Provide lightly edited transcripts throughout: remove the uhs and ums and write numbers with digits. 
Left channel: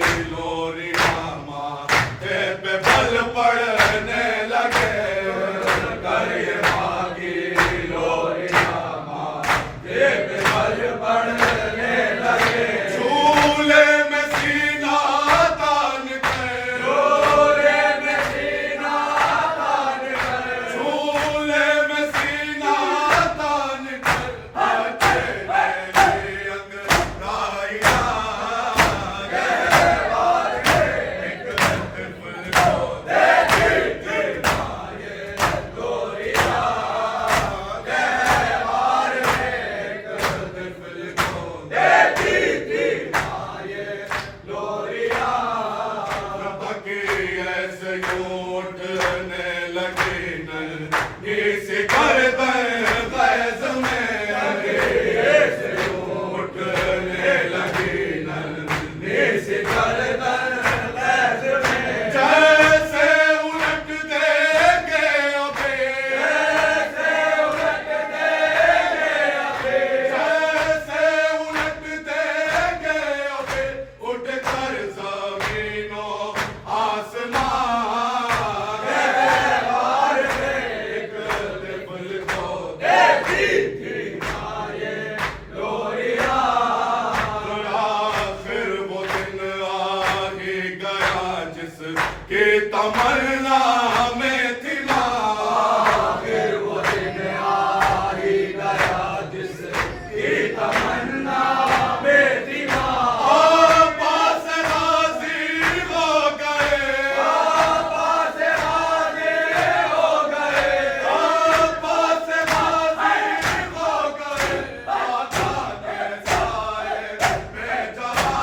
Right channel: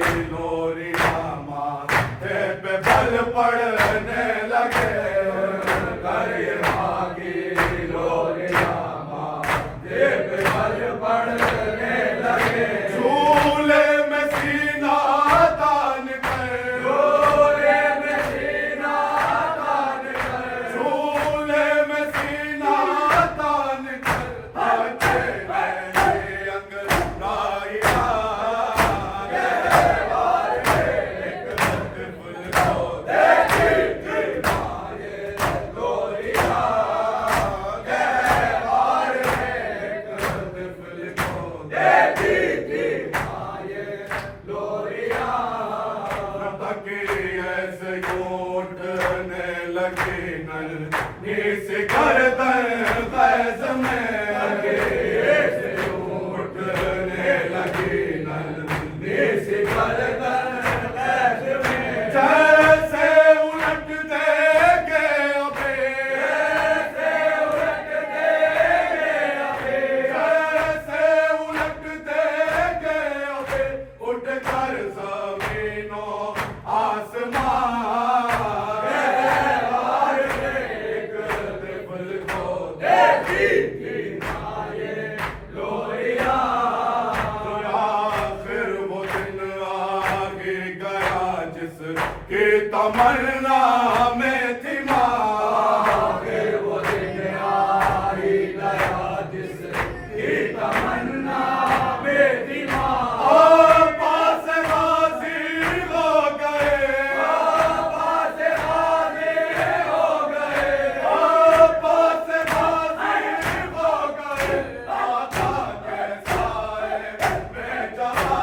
लोरिया माथे पे बल पड़ने लगे करे मागी लोरिया माथे पे बल पड़ने लगे झूले में सीना तान कर झूले में सीना तान कर झूले में सीना तान कर आके मेरे अंग राया इसे कर फैज में उठने लगी नल इसे कर फैज में जैसे उलट देंगे अबे जैसे उलट देंगे अबे जैसे उलट देंगे अबे उठ कर जमीनों आसमान के तमन्ना में थी माँ फिर वो दिन आ ही गया जिसकी तमन्ना में थी माँ पास हाजिर हो गए पास हाजिर हो गए पास हाजिर हो गए आका के साए में जहाँ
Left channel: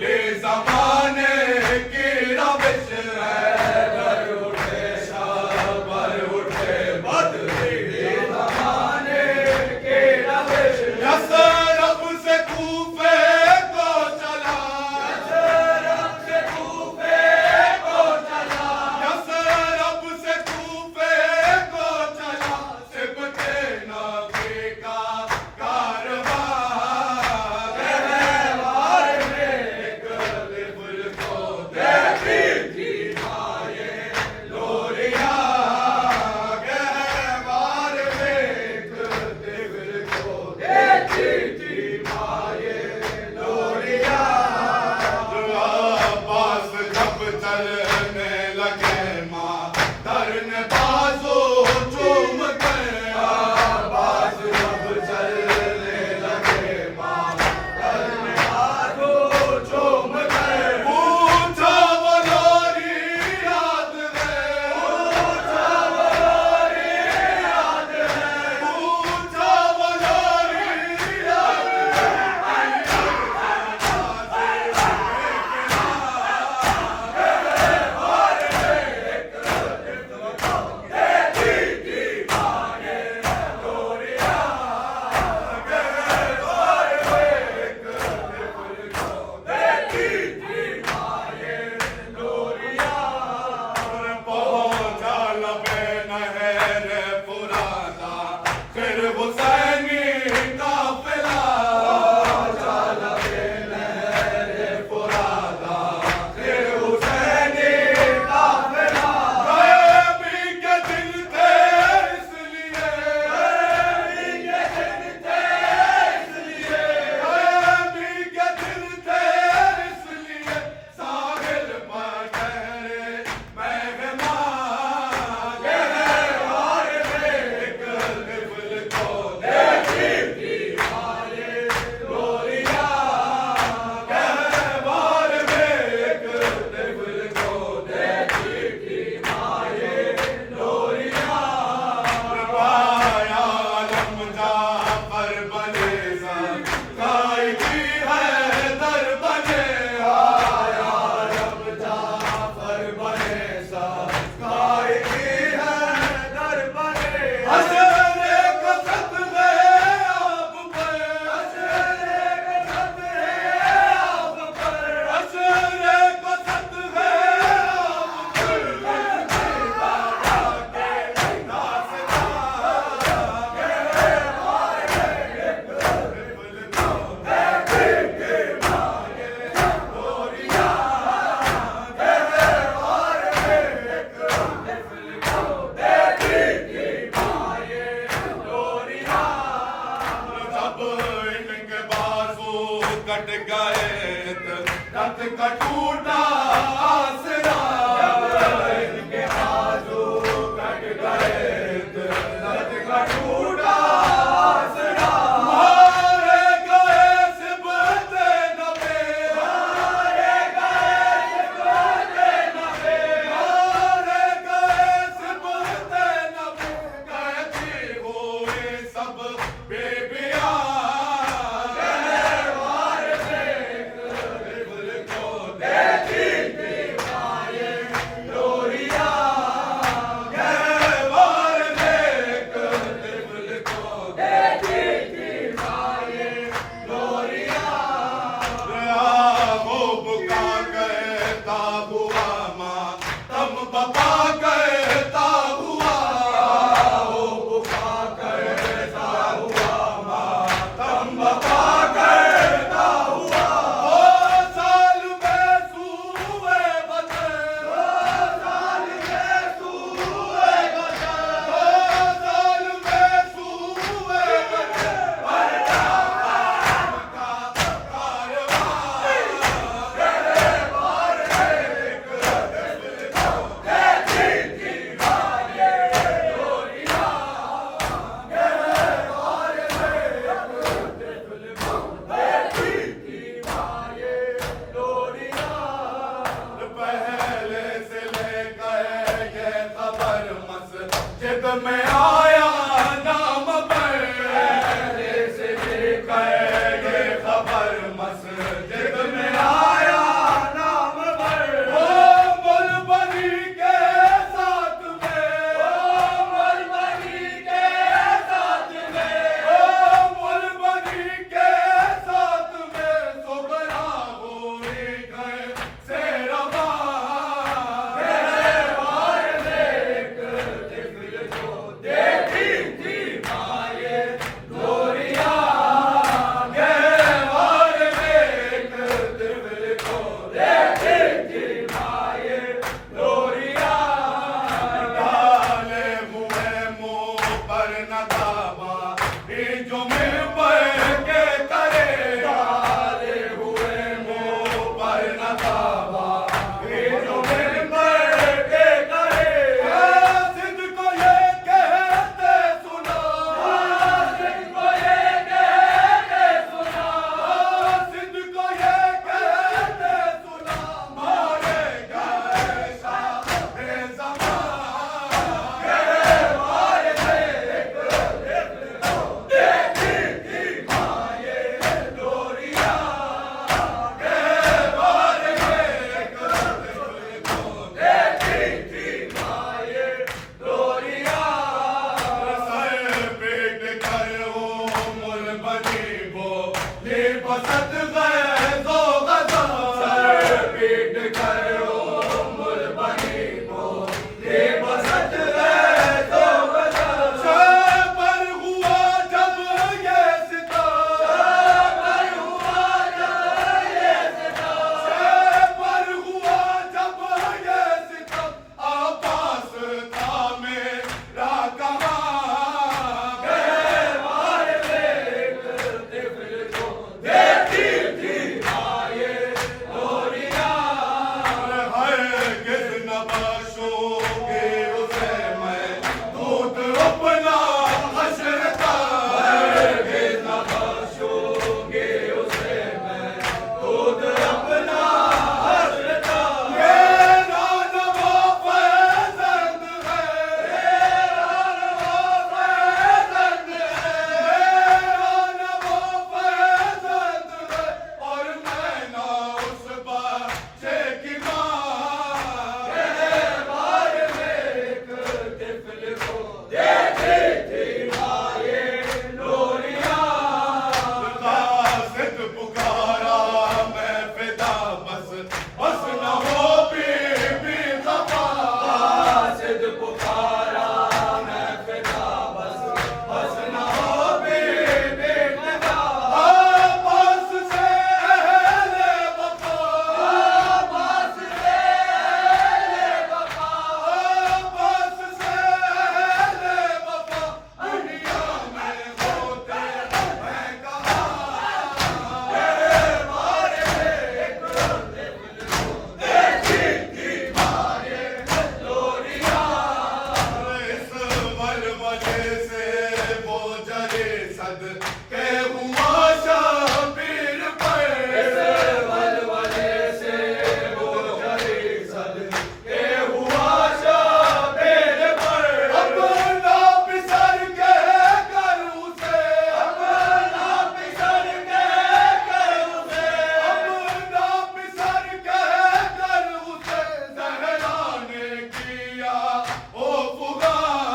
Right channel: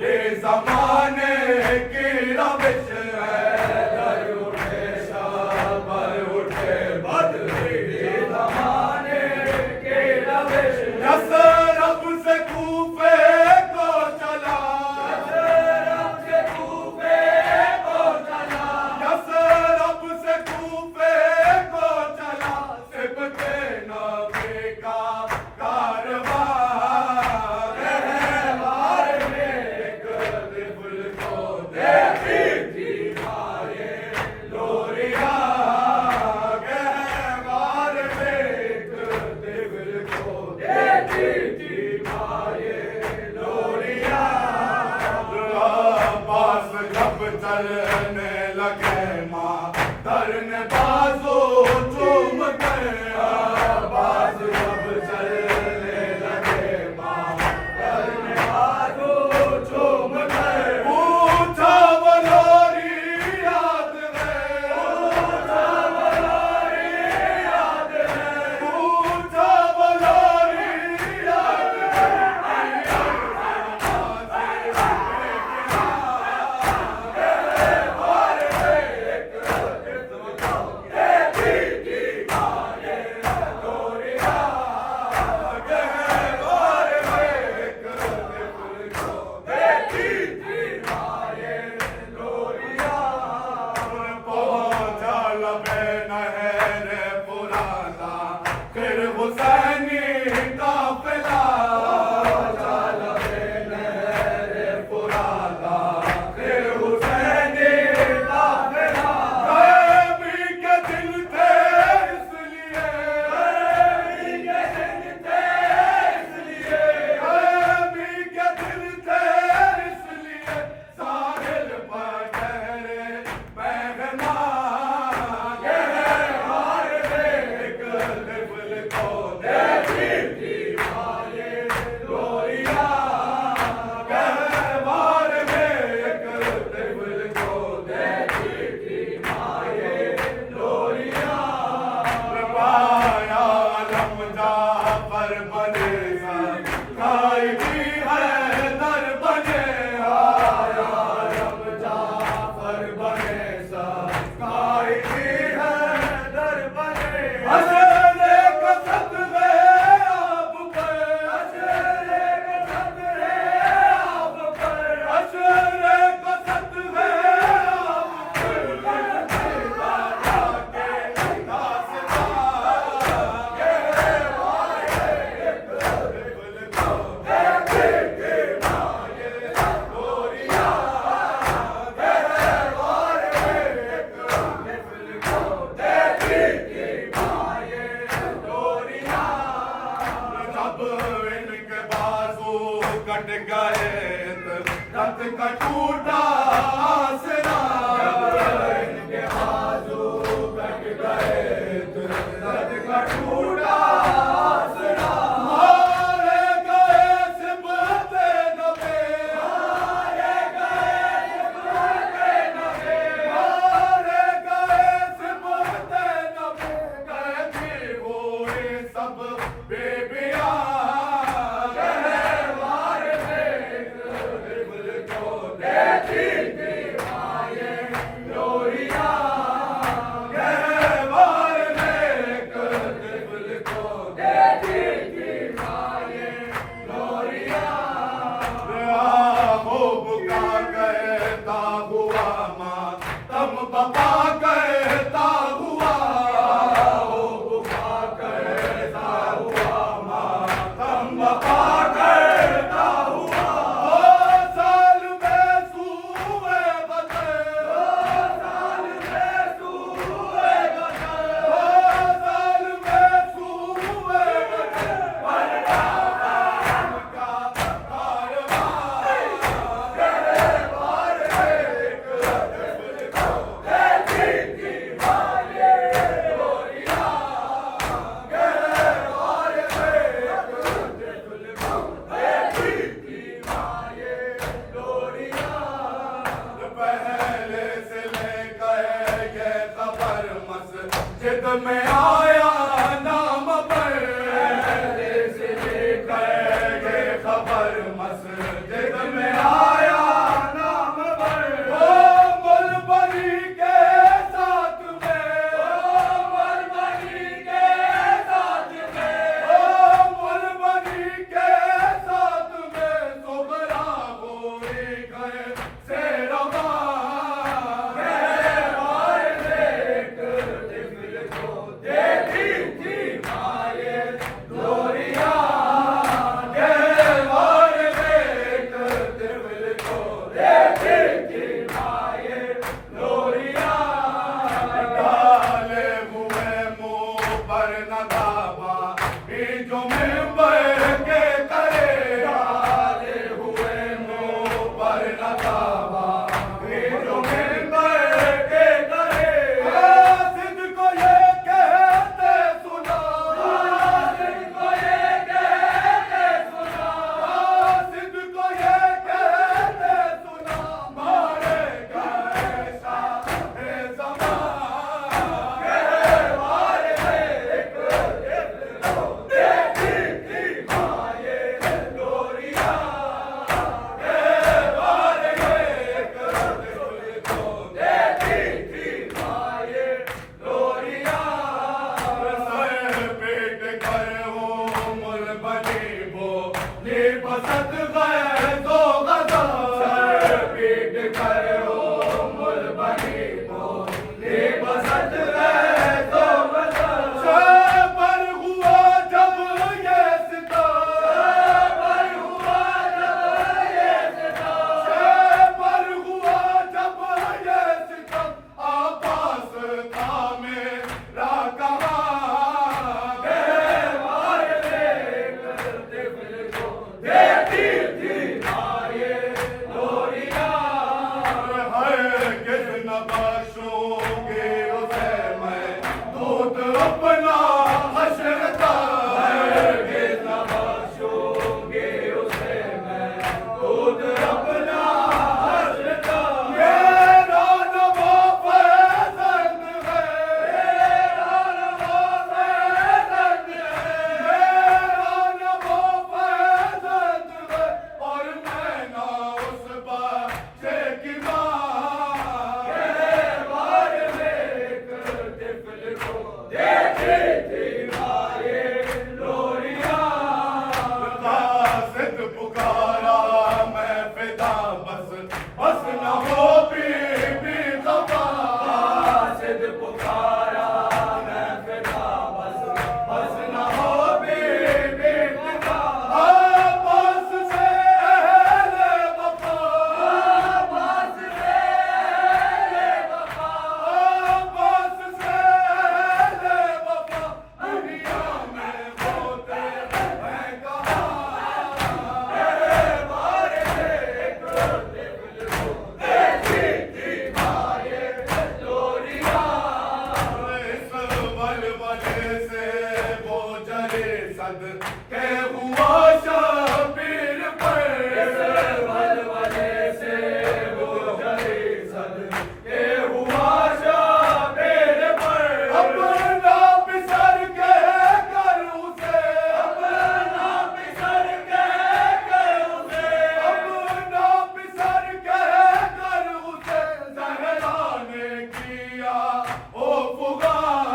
ये ज़माने की रविश है दर उठे शाबर उठे बदले ये ज़माने की रविश यसरब से कूफे को चला यसरब से कूफे को चला यसरब से कूफे को चला सिबते नबी का कारवां चलने लगे माँ धरने बाजू चूम गया बाजू जब चलने लगे माँ धरने बाजू चूम गए पूछा वो लोरी याद है पूछा वो लोरी याद है पूछा वो लोरी याद फिर हुसैनी काफिला पुराना फिर हुसैनी काफिला रबी के दिन थे इसलिए रबी के दिन थे इसलिए रबी के दिन थे इसलिए साहिल पर ठहरे मेहमान बने सा कायदी है दर बने इनके बाजू कट गए रथ का टूटा आसरा इनके बाजू कट गए रथ का टूटा आसरा मारे गए सिबते नबे मारे गए सिबते नबे मारे गए सिबते नबे कहती हुए सब बेबिया बाबा कहता हुआ ओ बुका कहता हुआ मातम बाबा कहता हुआ ओ साल में सूए बचे ओ साल में सूए बचे ओ साल में सूए बचे पलटा का पहले से लेकर ये खबर मस्जिद में आया नाम पर पहले से लेकर ये खबर मस्जिद में आया नाम पर ओ मुलबरी के साथ में ओ मुलबरी के साथ में ओ मुलबरी के साथ में सोबरा गोरी गए से रवा जो मिंबर के करे डाले हुए मुंह पर न दावा जो मिंबर के करे सिद्ध को ये कहते सुना सिद्ध को ये कहते सुना सिद्ध को ये कहते सुना मारे गए शाहे ज़मां सदके हुआ शबीर पर वलवले से वो करे सदके हुआ शबीर पर अपना बिसर के कर उसे अपना बिसर के कर उसे अपना बिसर के कर उसे ज़हरा ने किया ओ पुकार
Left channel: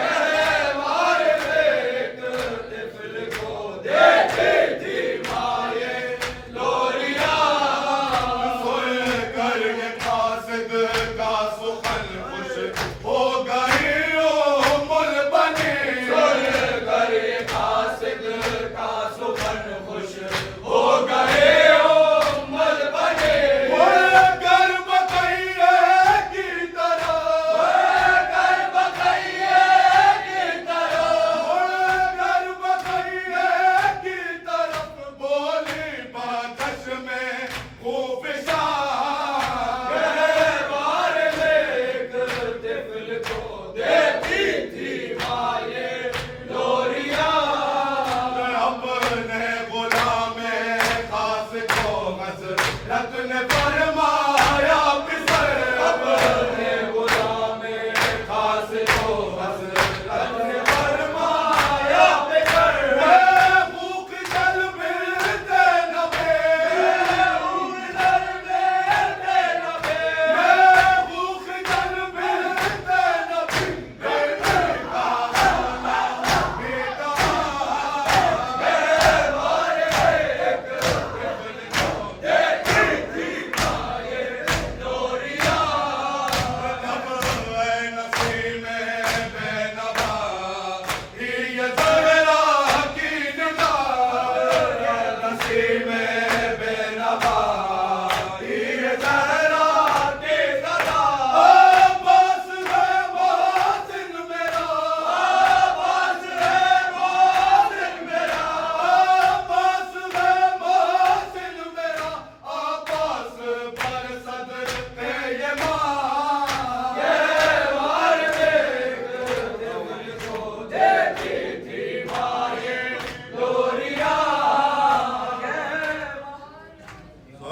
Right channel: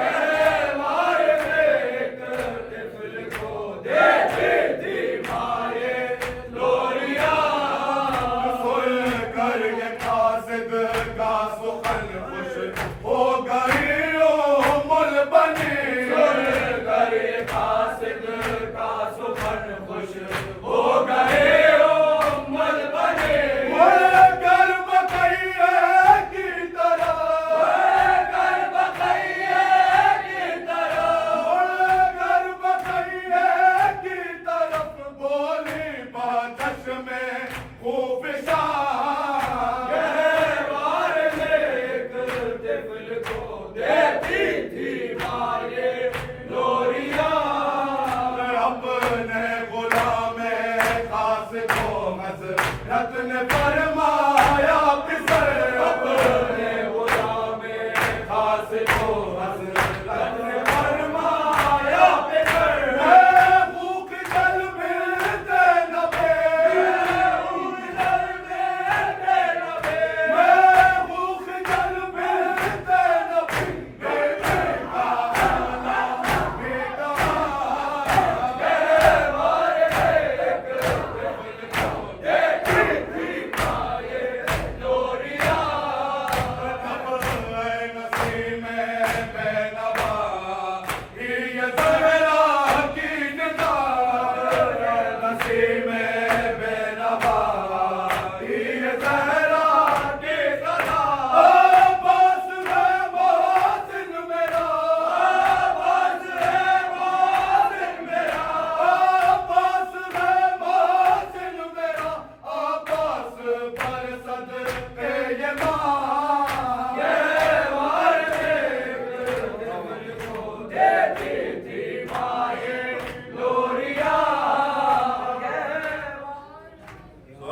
गहवार में एक तिफल को देती थी माये लोरिया फुल कर ये कासिद का सुखन खुश हो गई ओ मुल बनी फुल कर ये कासिद का सुखन खुश हो गए ओ मुल बनी मुल कर बकैये की तरह मुल कर बकैये की तरह मुल कर बकैये की तरफ बोली बातश में खूफशान गहवार में एक तिफल को देती थी माये लोरिया अपने गुलाम खास को हज़रत ने फरमाया